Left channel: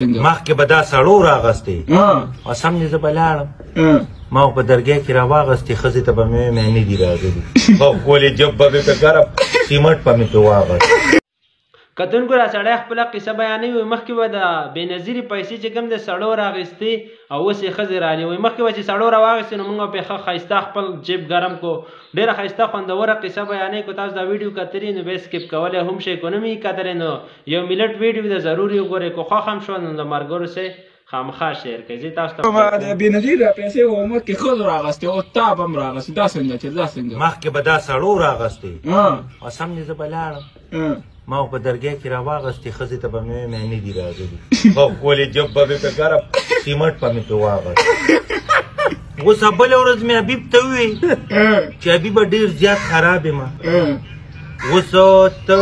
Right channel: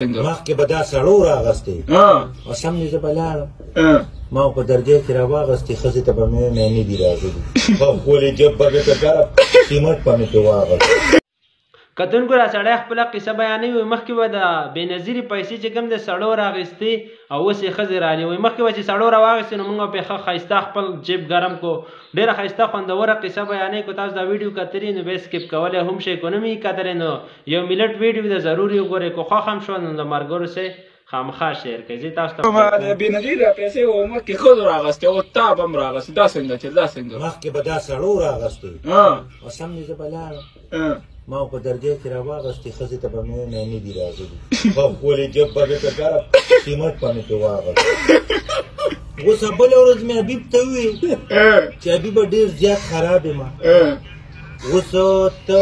مخکې به دا سړو راغستې او سم دې زه به لاړم ما په درګۍ کې راواغستې ښځې ته به مې نه دي راغلي او ښکلې جب به مې په ګرم سیمټ به مې پې واغست کتونکو را سړی خپله قصه بیانوي مخکې به د بېنظیرې پیسې چې کوم د سړو راغستې او اوس یې ښځې رالي وایي مخکې به چې سړو راواغستې نو موږ به ښه ښایسته خپل جیب ګرم کو ډېره ښایسته خوندوره قصه بیانوي که تاسو دا ویډیو کتلي نو بیا سکیپ کولی هم شئ که نه مې کتلی نو یو ملت ویډیو ده ضرور یې وګورئ که خوښ هم شوه نو د ملګرو سره خامخا شیر کړئ زه تاسو ته بېنظیره پیسې مخکې ښځو راغستې او تا به هم راغستې دا څنګه چې دا څنګه مخکې به دا سړو راغستې او سم دې زه به لاړم ما په درګۍ کې راواغستې ښځې ته به مې نه دي راغلي او ښکلې جب به مې په ګرم سیمټ به مې پې واغست اوس بله ورځ مې حبیب ته وویل چې حبیبه ډېر زیات خراب یم اوس ته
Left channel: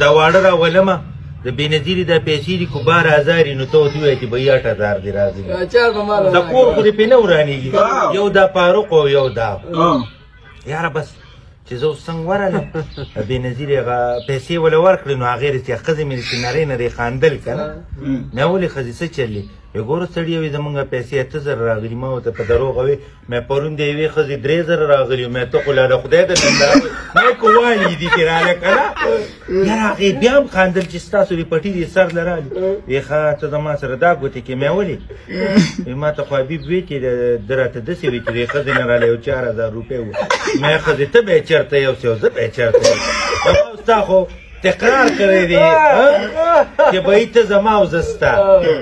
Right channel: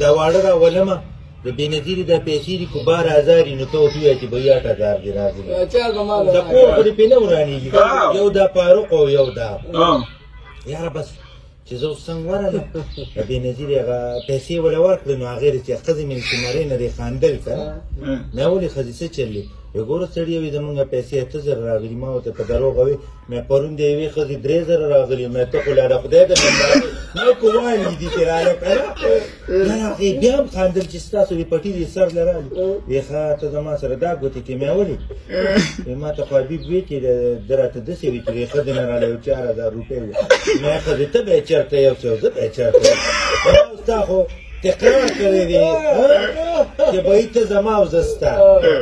دا واړه راولمه د بېنظیرې دا پیسې دي که 12000 نو ته ورته ووایه چې به 8000 دې راغلي د کور خو دې پې نه ورانېږي یو دا فاروق او یو دا یاره بس چې زه اوس څنګه ورغلم بېنظیرې هغه پیسې وله ورکړې نو هغې چې ښځې مې چې نرۍ نرۍ خاندل که نه مې ولې ښځې څه چل دی ګوره سړي وي زمونږ پیسې 8000 راغلي ما ورته په دروغ وې مې پرون د یوې ښځې 3000 راغلي مې ته خو لا د خدای د نندارې مې که والي دي چې راله که نه یاره هغې بیا هم خاندل چې ستاسو دې پټي دې سر له رالي وی ښه ته زما سره دا ګوتې کې مې ولې وی ما ته خو حبیب وی چې ده راته داسې وي چې دې ښځې نه راله یو 4000 روپۍ وه مې ښځې ته به یې چېرته یو څه زه به یې چېرته یو ستا خو تقرار کړی دی چې به ته زما او زه ستا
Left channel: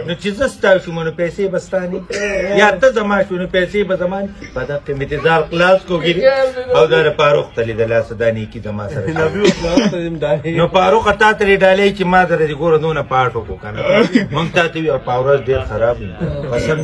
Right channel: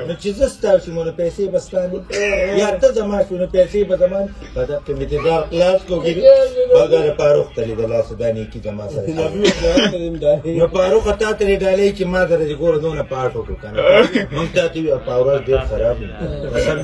نو چې زه ستا شوم نو پیسې به ستا نه یا ته زما شو نو پیسې به زما نه په دغه انتظار خلاص کوږي او دا د فاروق ته لیدله څه دا نیکي زما سره نو فاروق تا ته یې ډالۍ چې ما سره دې ګوره دونه پاټ وکړو که نه موږ تا ته وي او په ورځ ډېر خراب قسم